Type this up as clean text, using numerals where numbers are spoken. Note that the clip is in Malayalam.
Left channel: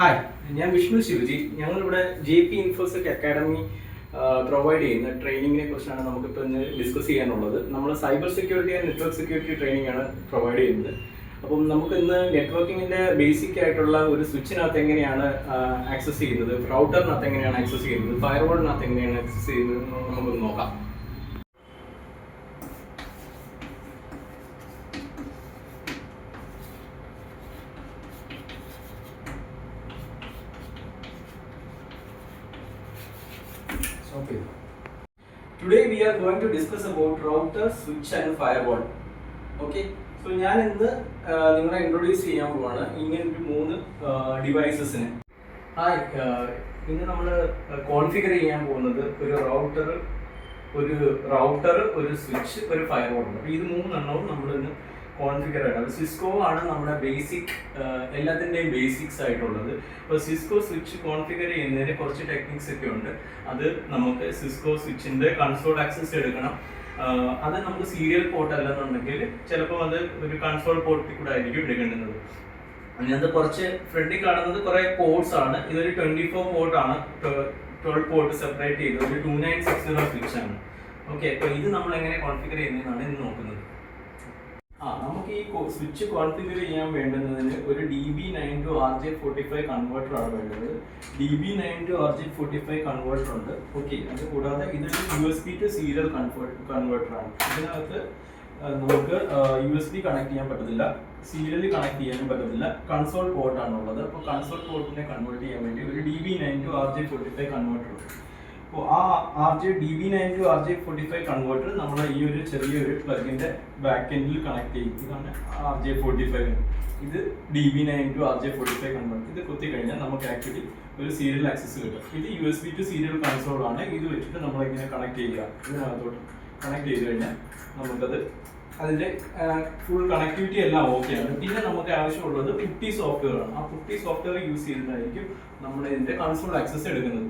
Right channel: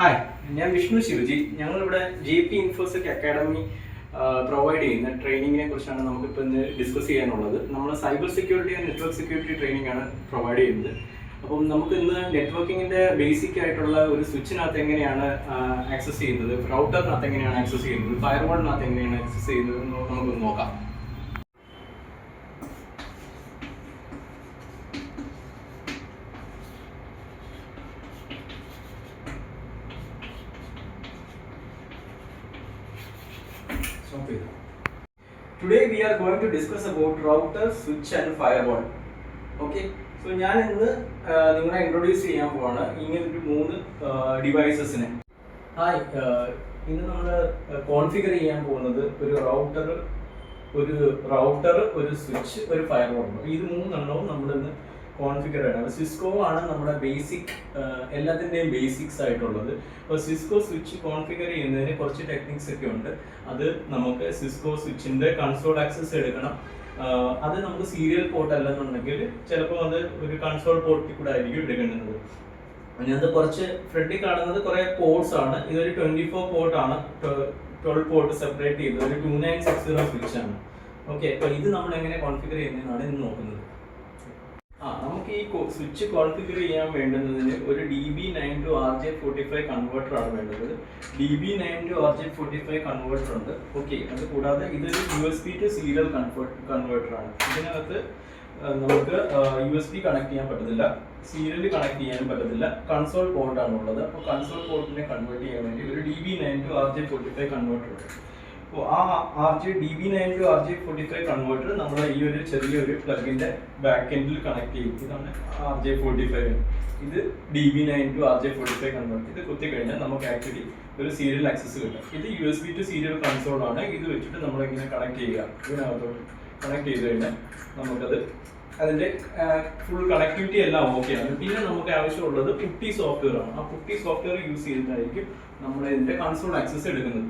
ഹായ്, ഞാൻ വിഷ്ണു ശിവജി. ഞങ്ങളിവിടെ JP ഇൻഫോസിക് അക്കാഡമി പ്രൊവൈഡ് ചെയ്യുന്ന ട്രെയിനിങ്ങിനെ കുറിച്ചാണ് നമുക്കിപ്പോൾ ഇന്ന് ഡിസ്കസ് ചെയ്യാനുള്ളത്. നമ്മൾ cyber security and network security training ആണ് പ്രൊവൈഡ് ചെയ്യുന്നത്. അപ്പം നമുക്ക് ഇന്ന് നെറ്റ്വർക്കിങ്ങിൻ്റെ ബേസിക് ആയിട്ടുള്ള ഒരു സ്വിച്ചിനകത്ത് എങ്ങനെയാണ് ആക്സസ് ചെയ്യുന്നത്, റൗട്ടറിനകത്ത് എങ്ങനെയാണ് ആക്സസ് ചെയ്യുന്നത്, ഫയർവാളിനകത്ത് എങ്ങനെയാണ് ആക്സസ് ചെയ്യുന്നത് എന്ന് നമുക്കൊന്ന് നോക്കാം. Today we are going to discuss about router, switch and firewall. Okay, so ഞാൻ ഇന്ന് നിങ്ങളെ ഇൻട്രൊഡ്യൂസ് ചെയ്യാൻ പോവാണ് ഇങ്ങനൊരു 3 ഡിവൈസസിനെ. ഹായ്, ഇന്ന് നമ്മൾ കോൺഫിഗർ ചെയ്യാൻ പോകുന്നത് ഒരു റൗട്ടർ, ഒരു സ്വിച്ച്, ഒരു ഫയർവാൾ ഉണ്ട്. ഇത് 3 നമ്മൾ ഇന്ന് കോൺഫിഗർ ആയിട്ടാണ്. സിസ്കോ ആണ് നമ്മുടെ ബേസിക്, എല്ലാത്തിൻ്റെയും ബേസിക്സ് ആയിട്ടുള്ളത്. അപ്പോൾ സിസ്കോ സ്വിച്ച് കോൺഫിഗർ ചെയ്യുന്നതിന് കുറച്ച് ടെക്നിക്സ് ഒക്കെ ഉണ്ട്. അത് നമുക്ക് സിസ്കോ സ്വിച്ചിൻ്റെ കൺസോൾ ആക്സസ് എടുക്കണം. അത് നമുക്ക് സീരിയൽ പോർട്ട് അല്ലെന്നുണ്ടെങ്കിൽ ചിലപ്പോൾ അത് ഒരു കൺസോൾ പോർട്ടിൽ കൂടെ ആയിരിക്കും എടുക്കേണ്ടുന്നത്. അതിനകത്ത് കുറച്ച് ഫ്രണ്ടിൽ കാണുന്നത് കുറേ പോർട്സ് ആണ്. ഇതൊരു 24 പോർട്ടാണ്, 12 പോർട്ട് സെപ്പറേറ്റ് ചെയ്ത് ഒരു 2960 സ്വിച്ച് ആണ്. ഓക്കെ, അപ്പോൾ ഇത് നമ്മൾ എങ്ങനെ കോൺഫിഗർ ചെയ്യുന്നതെന്നാണ് ഇന്ന് നോക്കുന്നത്. നമുക്ക് ഈ സ്വിച്ച് കോൺഫിഗർ ചെയ്യാൻ വേണ്ടുന്നതിന് ഒരു DB9 to RJ45 കൺവേർട്ടർ ആണ് വേണ്ടത്. DB9 to RJ45 കൺവേർട്ടർ ഉണ്ട്. ഓക്കെ, അത് കൂടാതെ ഇതൊരു USB to സീരിയൽ കൺവേർട്ടർ ആണ്. ഇതിനകത്ത് നമുക്ക് USB കണക്ട് ചെയ്യാൻ പറ്റത്തില്ല, സീരിയൽ കണക്ട് ചെയ്യാനും പറ്റത്തില്ല. കൺസോൾ പോർട്ടാണ് ഉള്ളത്. അപ്പോൾ കൺസോൾ പോർട്ടിനെ കൺവേർട്ട് ചെയ്യാൻ വേണ്ടി ഒരു DB9 to RJ45 കൺവേർട്ടർ ഉണ്ട്. അപ്പോൾ ആ DB9 to RJ45 കൺവേർട്ടർ നമ്മൾ ഈ ഒരു ചെറിയൊരു പ്ലഗിന്റെ ബാക്ക് എൻഡിൽ കണക്ട് ചെയ്യും. ഇതാണ് RJ45. ഇത് DB9 to RJ45 കൺവേർട്ടർ. ഇത് കുത്തി കഴിഞ്ഞാൽ നമുക്ക് ആക്ച്വലി ഒരു സീരിയൽ ആക്സസ് കിട്ടും. ഇത് USB to സീരിയൽ കൺസോൾ ആണ്. ഇത് വെച്ചിട്ട് നമ്മളിങ്ങനെ കണക്ട് ചെയ്യുക. ഇതിനകത്തോട്ട് കണക്ട് ചെയ്ത് കഴിഞ്ഞാൽ നമുക്കത് അതിൻ്റെ ഫുൾ കണക്ടിവിറ്റി എല്ലാം ഓക്കെയാണ്. പിന്നെ നമുക്ക് ആവശ്യമുള്ളത് പുട്ടി സോഫ്റ്റ്വെയർ ആണ്. ആ പുട്ടി സോഫ്റ്റ്വെയർ യൂസ് ചെയ്തിട്ടായിരിക്കും നമ്മൾ ഇതിൻ്റെ കൺസോൾ ആക്സസ് എടുക്കുന്നത്.